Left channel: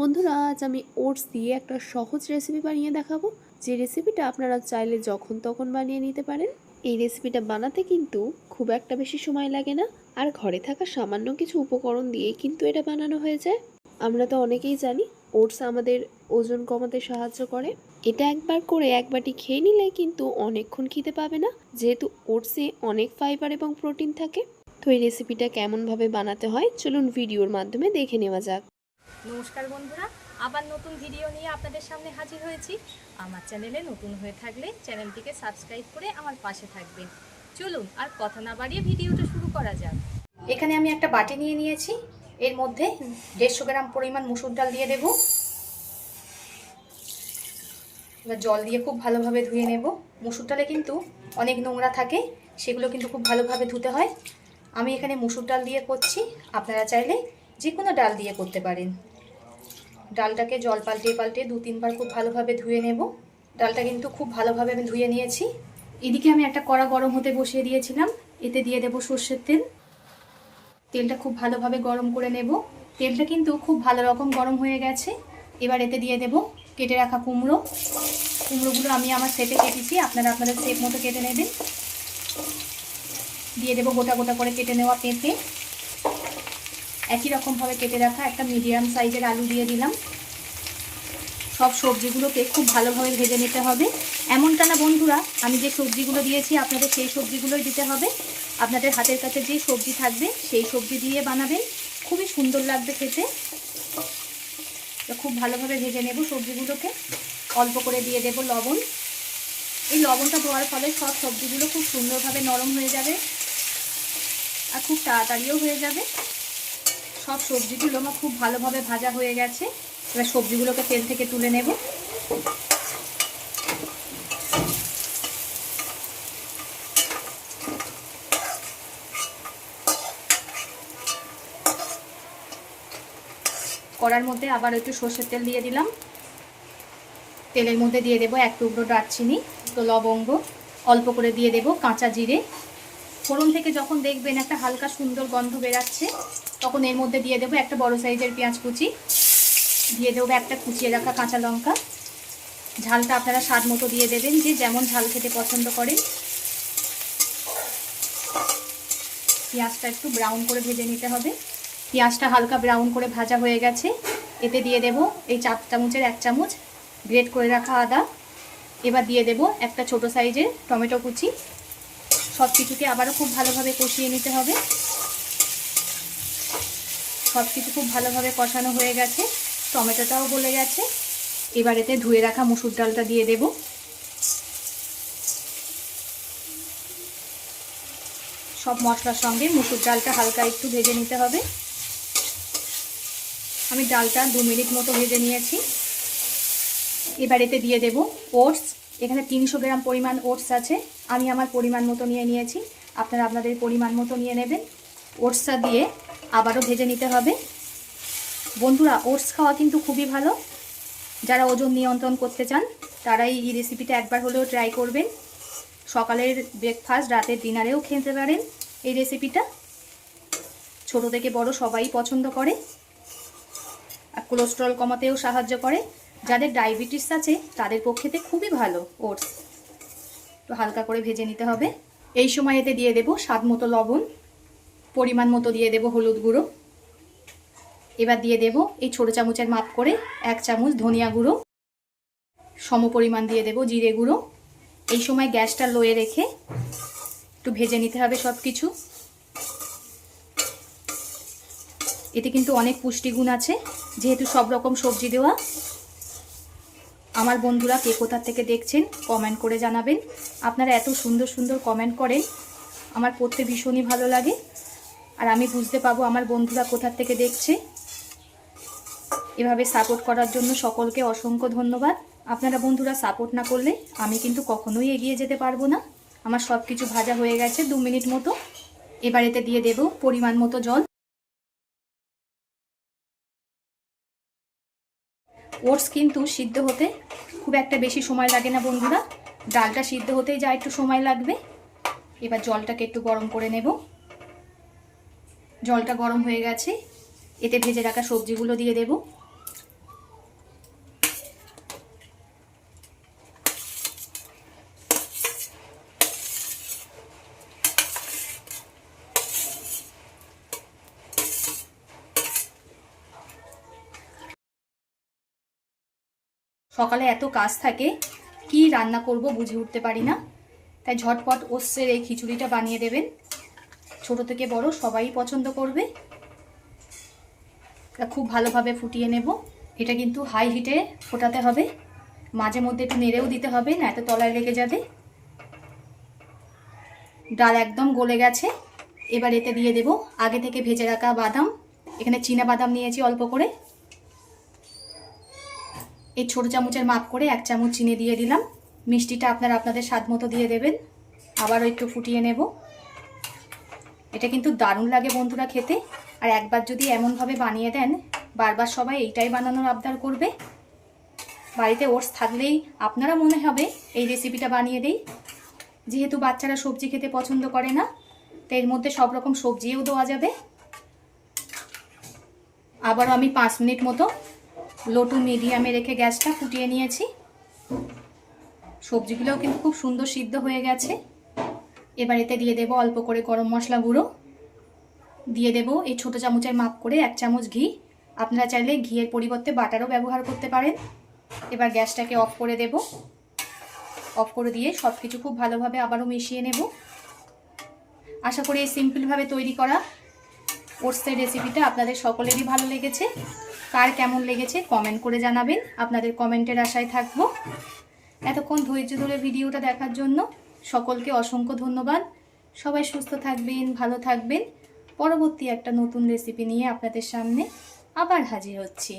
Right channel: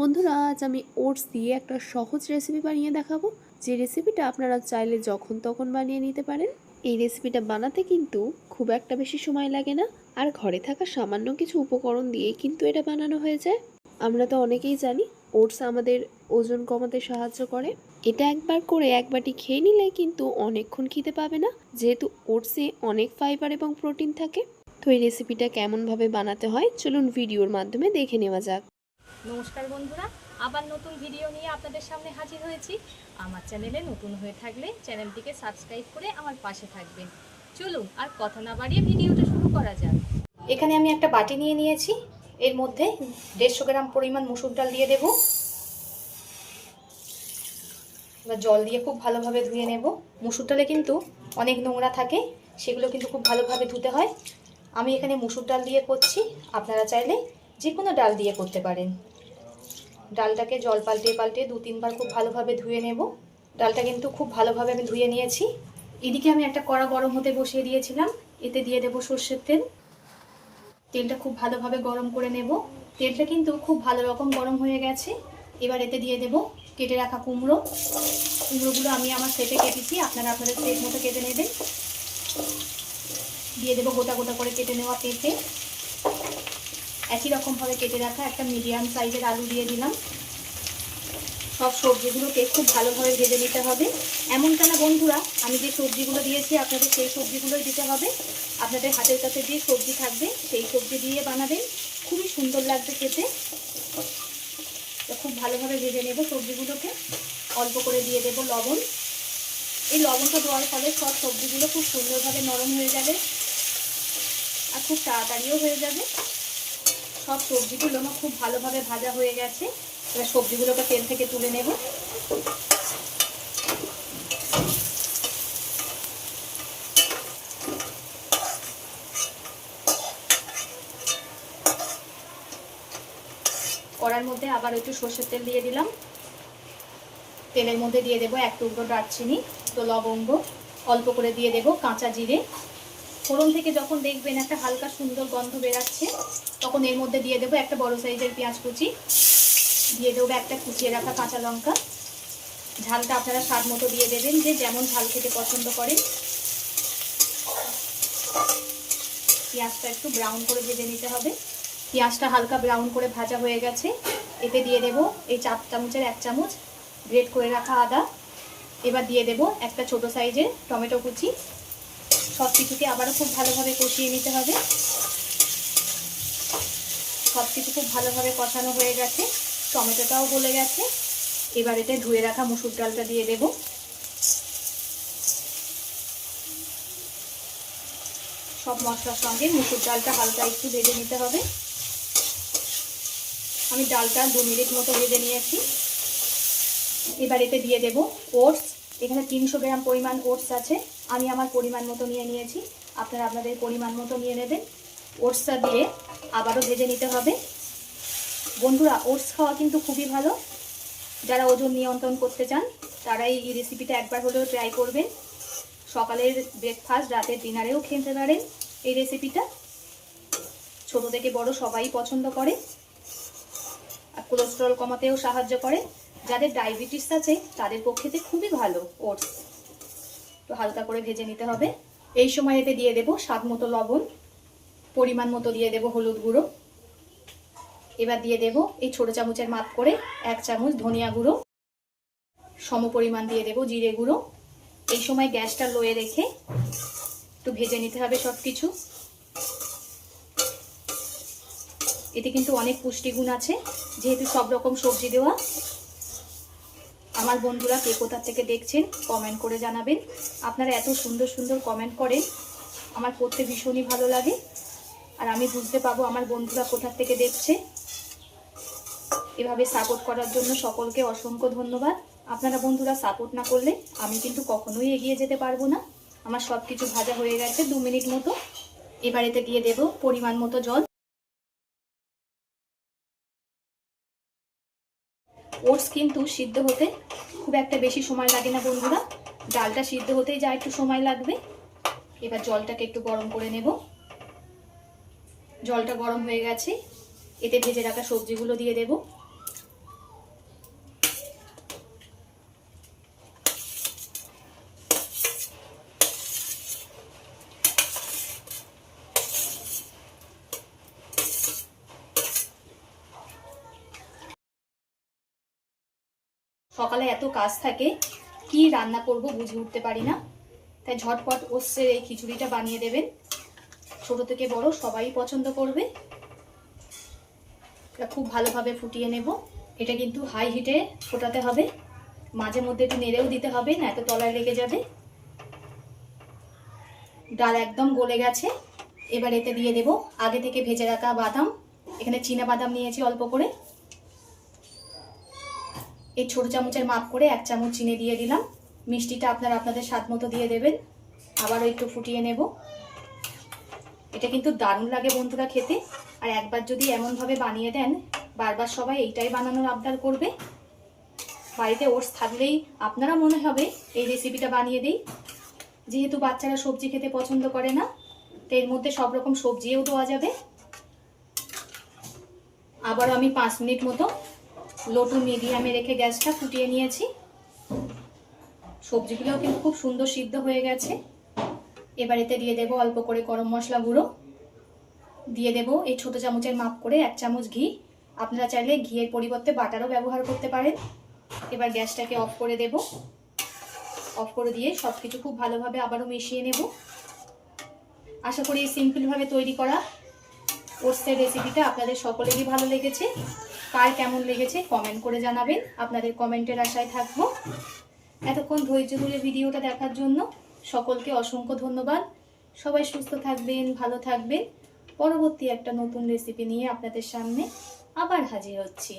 বন্ধুরা, আজ আমি ওটস দিয়ে একটা সহজ রেসিপি বানিয়ে দেখাবো, যে রেসিপিটা আপনারা চাইলে যখন তখন বানিয়ে নিতে পারেন। এই রেসিপিটা বানাতে কিন্তু খুব একটা বেশি সময় লাগে না, আর ঘরে থাকা সামান্য কিছু উপকরণ দিয়েই কিন্তু এটা বানানো হয়ে যায়। আমরা তো অনেকেই জানি ওটস আমাদের ওজন কমাতে সাহায্য করে। এটা একবার করে এক বাটি খেয়ে নিলে কিন্তু অনেকক্ষণ খেতে পাবে না, যেহেতু ওটসে অনেক ফাইবার এবং প্রোটিন থাকে। তো এই রেসিপিটা কেমনভাবে বানাতে হয় চলুন ভিডিওর মাধ্যমে দেখে নেওয়া যাক। নমস্কার বন্ধুরা, আবার নতুন ভিডিও নিয়ে আপনাদের সামনে হাজির হয়েছি। আমার চ্যানেলে নতুন হয়ে থাকলে চ্যানেলটিকে সাবস্ক্রাইব করে আমার পাশে থাকবেন। চলুন আর কথা না বাড়িয়ে ভিডিওটা শুরু করা যাক। এখানে আমি একটা বাটি নিয়ে নিয়েছি, এর মধ্যে 150 গ্রাম পরিমাণ মসুর ডাল দিয়ে দেব। এবার জল দিয়ে খুব ভালোভাবে ধুয়ে নেব। মসুর ডালে কিন্তু অনেক নোংরা থাকে, সেগুলো কিন্তু খুব ভালোভাবে ধুতে হয়। আমি এখানে মসুর ডাল দিয়ে করছি, আপনারা চাইলে যে কোনো ডাল দিয়ে করতে পারেন। ডালটাকে জল পাল্টে পাল্টে 2-3 বার খুব ভালোভাবে ধুয়ে নেব। ডালটা কিন্তু খুব ভালোভাবে আমি ধুয়ে নিয়েছি। এদিকে আমি একটা কড়া গরম হতে বসিয়ে দিয়েছিলাম, এতে দিয়ে দেব সর্ষের তেল। তেলটা খুব ভালোভাবে গরম করে নেব। তেলটা কিন্তু খুব ভালো রকম গরম হয়ে গেছে। এবার এতে দিয়ে দেব কেটে রাখা কুমড়ো। কুমড়োগুলো আমি আমার সেটে কেটেছি, আপনারা আপনাদের সেট মতো কেটে নেবেন। দিয়ে দেব গোটা গোটা করে কেটে নেওয়া পেঁপে। একই রকমভাবে কেটে রাখা একটা মিডিয়াম সাইজের আলু দিয়ে দিলাম। সব সবজিগুলোকে খুব ভালোভাবে ভেজে নিতে হবে। এমনটা না বন্ধুরা, আমি যে সবজিগুলো দিয়েছি আপনাদের সেই সবজিগুলোই দিতে হবে। আপনাদের হাতের কাছে যে সবজি থাকবে সেই সবজি দিয়ে বানাবেন, খুবই সুন্দর লাগবে খেতে। তো খুব ভালোভাবে ভেজে নেব সবজিগুলোকে। অল্প করে দিয়ে দেব লবণ। এই লবণটা দেওয়ার ফলে সব সবজিগুলো খুব সুন্দরভাবে নরম হয়ে যাবে আর খুব তাড়াতাড়িও হয়ে যাবে। সব সবজিগুলো আমার খুব ভালোভাবে ভাজা হয়ে গেছে। এবার সবজিগুলোকে তেল থেকে তুলে নেব। কড়ার মধ্যে আবার একটু সর্ষের তেল দিয়ে দিলাম। তেলের মধ্যে দিয়ে দেব 1 টুকরো দারচিনি, তো লবঙ্গ, অল্প করে দিয়ে দেব কাঁচা জিরে। ফোড়ন থেকে যখন দেখবেন একটা হালকা সুন্দর গন্ধ বেরাচ্ছে, তখন এর মধ্যে দিয়ে দেব একটা বড় সাইজের পেঁয়াজ কুচি, দিয়ে দেবো একটা কুচিয়ে রাখা কাঁচা লঙ্কা। ঝালটা আপনারা স্বাদ মতো দিয়ে দেবেন, যে যেমন ঝাল খেতে পছন্দ করেন। পেঁয়াজটা একটু ব্রাউন করে ভেজে নিতে হবে। পেঁয়াজটা হালকা ব্রাউন করে ভাজা হয়ে গেছে। এতে দিয়ে দেব এই 4 চামচের 1 চামচ গ্রেট করে রাখা আদা। এবার দিয়ে দেব একটা ছোট সাইজের টমেটো কুচি। সব কিছুকে আবারও খুব ভালোভাবে কষিয়ে নিতে হবে। সব কিছু খুব ভালোভাবে কষানো হয়ে গেছে, টমেটোটাও গলে গেছে। এবার এতে ধুয়ে রাখা মসুর ডালটা দিয়ে দেব। সব মশলার সঙ্গে মসুর ডালটা হালকা একটু ভেজে নিতে হবে। আমি ডালটা 2 মিনিট মতো ভেজে নিয়েছি। এবার এতে দিয়ে দেব ওটস। এখানে 300 গ্রাম পরিমাণ ওটস আছে, আমি আমার পরিমাণ মতো নিয়ে নিয়েছি, আপনারা আপনাদের পরিমাণ মতো নিয়ে নেবেন। ওটসটা দিয়ে আবারও ভেজে নিতে হবে। বন্ধুরা, ওটস খাওয়া কিন্তু খুবই ভালো। যারা ওজন নিয়ন্ত্রণ করতে চান তারা এই রেসিপিটা একবার হলেও ট্রাই করবেন। সকালের ব্রেকফাস্ট, রাতের ডিনারেও খেতে পারেন এই রেসিপিটা। ছোট থেকে বড় সবাই পছন্দ করে, আর কোলেস্টেরল কমাতেও সাহায্য করে। যাদের ডায়াবেটিস আছে তাদের পক্ষেতে খুবই ভালো ওটস। তো হালকা করে ভেজে নিতে হবে। এই সময় এতে দিয়ে দেব স্বাদ মতো লবণ, পরিমাণ মতো দিয়ে দেব হলুদ গুঁড়ো। এবার দিয়ে দেব এই ছোট চামচের মাপ করে 1 চামচ ধনিয়া গুঁড়ো। সম পরিমাণ দিয়ে দেব জিরে গুঁড়ো। এই সময় গ্যাসটা লোয়ে রেখে একটু ভেজে নিতে হবে সব কিছু। এতে কিন্তু অনেক পুষ্টিগুণ আছে, যেহেতু সব রকম সবজি দেওয়া। আমার বন্ধুরা কে কোথা থেকে দেখছেন কমেন্ট করে জানাবেন। আপনারা এত সুন্দর সুন্দর কমেন্ট করেন, আমার পড়তে ভীষণই ভালো লাগে, আর আমি বুঝতে পাবো আমার বন্ধুরা কোথা থেকে দেখছে। এভাবে সাপোর্ট করার জন্য সকলকে অসংখ্য ধন্যবাদ। আপনারা বন্ধুরা সাপোর্ট না করলে আমি কিন্তু কখনোই এগিয়ে যেতে পারবো না। আমার সব কিছু ভাজা হয়ে গেছে 2 মিনিট মতো। এবার এতে দিয়ে দেব পরিমাণ মতো জল। ওটস কিন্তু সিদ্ধ হতে খুব একটা বেশি সময় লাগে না বন্ধুরা, ডালটা সিদ্ধ হতেই যা একটু সময় লাগবে। এবার জলটাকে একটু গরম করে নেব। জলটা গরম হয়ে গেছে, এতে ভেজে রাখা সবজিগুলো দিয়ে দেব। সকালে এত কাজ থাকে, কি রান্না করব বুঝে উঠতে পারি না, তাই ঝটপট ওটসের এই খিচুড়িটা বানিয়ে দেবেন। ছোট থেকে বড় সবাই পছন্দ করবে। এটা খুব ভালোভাবে ফুটিয়ে নেব। এটা কিন্তু হাই হিটে ফোটাতে হবে, মাঝে মধ্যে একটু নেড়েও দিতে হবে, না এত তলায় লেগে যাবে। ডাল একদম গলে গেছে। এবার এতে দিয়ে দেব আগে থেকে ভেজে রাখা বাদাম। এখানে চীনা বাদাম নিয়েছি অল্প করে। এই ছোট চামচের মাপ করে 1 চামচ চিনি দিয়ে দিলাম। মিষ্টিটা আপনারা আপনাদের স্বাদ মতো দিয়ে দেবেন। আবারও একটু ফুটিয়ে নেব। এটা কিন্তু দারুণ লাগে বন্ধুরা খেতে, আর একবার যদি এমনভাবে বানিয়ে দেন বারবার সবাই এইটাই বানানোর আবদার করবে। বাড়িতে ওটস থাকলেই আপনারা মনে হবে এই রেসিপিটা বানিয়ে দেই। যেহেতু বাচ্চারা সবজি খেতে পছন্দ করে না, তো এর মধ্যে সব রকম সবজিও দেওয়া যাবে। আবারও আমি 5 মিনিট মতো লো টু মিডিয়ামে রেখে গ্যাসটা ফুটিয়ে নিয়েছি। সবজিগুলোও কিন্তু খুব সুন্দর সিদ্ধ হয়ে গেছে। এবার এতে দিয়ে দেব অল্প করে গরম মশলা গুঁড়ো, দিয়ে দেব এই ছোট চামচের মাপ করে 1 চামচ ঘি। আপনারা চাইলে ঘিয়ের পরিবর্তে বাটারও ব্যবহার করতে পারেন। এবার গ্যাসটাকে অফ করে দেব। অফ করে দিয়ে সব কিছু খুব ভালোভাবে আবারও মিশিয়ে নেব। আশা করি এই সিম্পলভাবে তৈরি করা ওটসের রেসিপিটা আপনাদের সকলেরই ভালো লেগেছে। কার কেমন লেগেছে কমেন্ট করে জানাবেন, আপনাদের কমেন্টের আশায় থাকবো। এতক্ষণ ধৈর্য ধরে ভিডিওটা দেখার জন্য সকলকে অসংখ্য ধন্যবাদ। সবাই সুস্থ থাকবেন, ভালো থাকবেন। পরবর্তী একটা নতুন রেসিপি নিয়ে আপনাদের সামনে আবার হাজির হচ্ছি।